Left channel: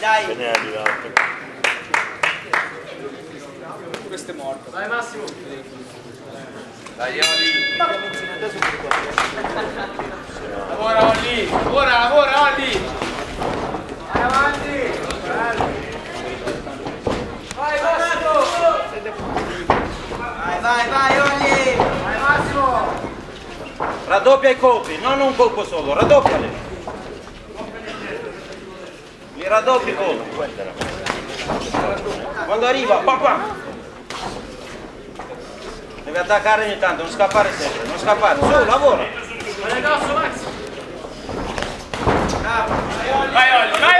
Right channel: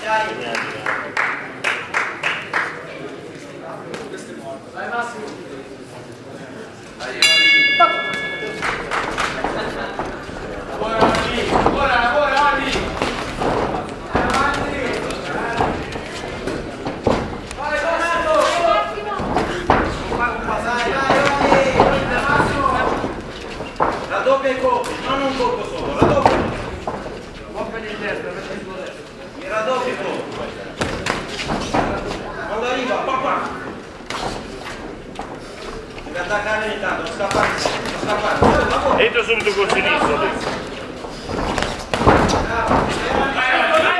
dai. Questo è morto. Dai Massimo. Dai Oli. Lavora Oli. Lavora Oli. Vai avanti. Vai Massimo. Vai Oli. Vai Massimo. Raddoppia i colpi, non un colpo solo, raddoppiali. Mi raddoppi i colpi. Quando arriva, papà. Devi attaccare ogni tanto, non scappare sempre, non scappare. Su, lavora. Entra subito col sinistro. Vai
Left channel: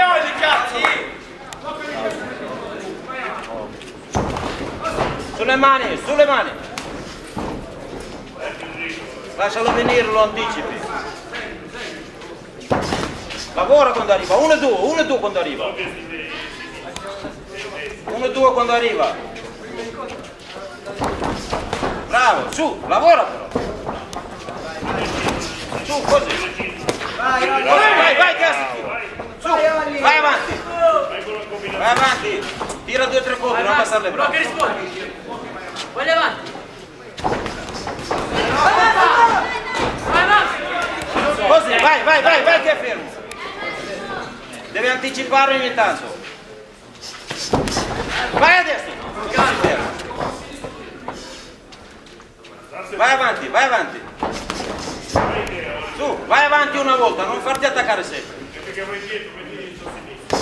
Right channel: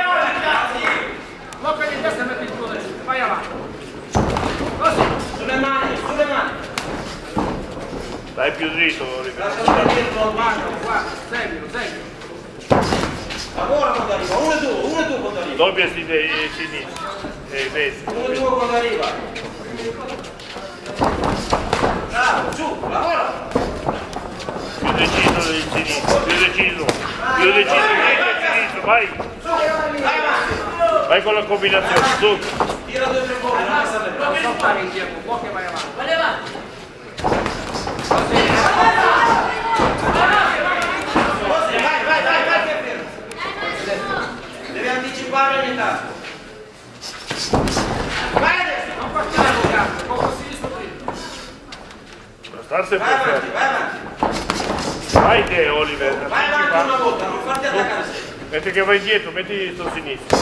Oli, cazzi. Blocca di testa e metti il tuo destro. Vai avanti. Così. Sulle mani, sulle mani. Vai più dritto. Lascialo venire, lo anticipi. Seguilo. Lavora quando arriva, 1 e 2 quando arriva. Doppia sinistra. 1 e 2 quando arriva. Bravo, su, lavora. Più deciso. Vai. Su, vai avanti. Vai con la Vai combinazione. avanti. Tira 2 o 3 colpi, non passare le braccia. Non fare in tempo, un po' che vai avanti. Vai avanti. Così, vai, che è fermo. Devi anticipare ogni tanto. Vai adesso. Vai avanti. Vai te, Oliver. Su, vai avanti una volta, non farti attaccare sempre. Metti che vai dietro, metti sul sinistro.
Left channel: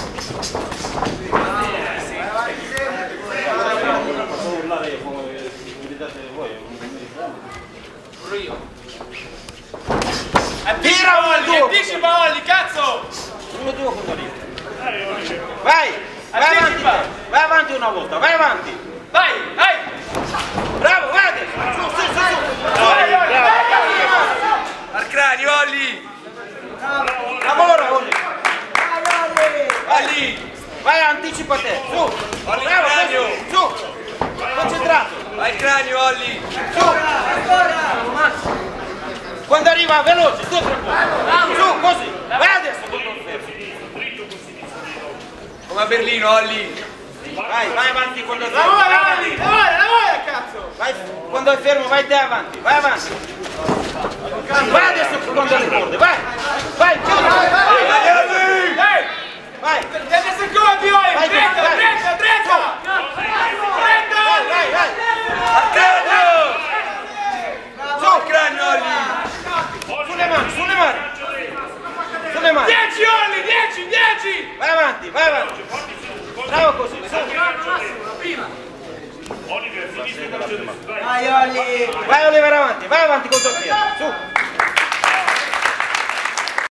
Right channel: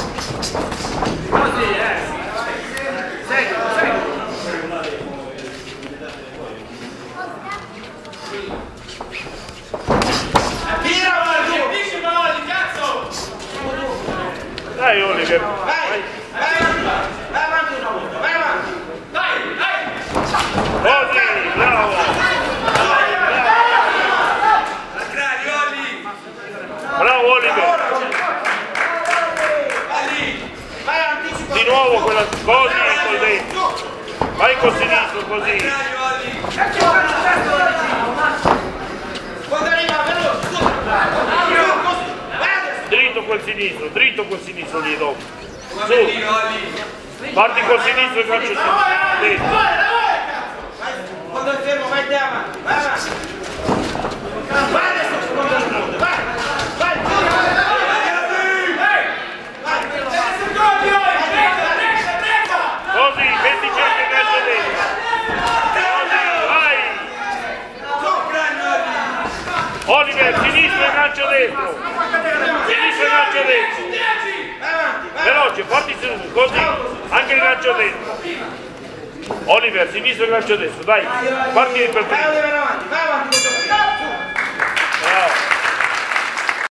Tira Oli, anticipa Oli, cazzo! Dai, Oliver. Vai avanti una volta, vai avanti. Vai! Bravo, Al cranio, Oli! Bravo, Oliver. lavora, Oli. Ali! Vai, anticipa Di te. nuovo Su. quella svolta. Su. Vai col sinistro, Al così. cranio, Oli! Quando arriva, veloce, su, così. Vai adesso. Dritto col sinistro lì dopo. Come a Berlino, Oli! Parti col sinistro e poi col Lavora, cazzo! Vai, quando è fermo, vai te avanti, vai avanti. Vai adesso quando risponde, vai. Vai. Siete secondi, Oli! Presa! Così, metti che Su, cranio, Oliver, sinistra, calcio dentro. sulle mani. 10, Oli! 10! Vai avanti, Veloce, porti su, così. Bravo così. Anche il calcio dentro. Oliver, sinistra e calcio destro, dai. Parti per Vai Oliver avanti, vai avanti.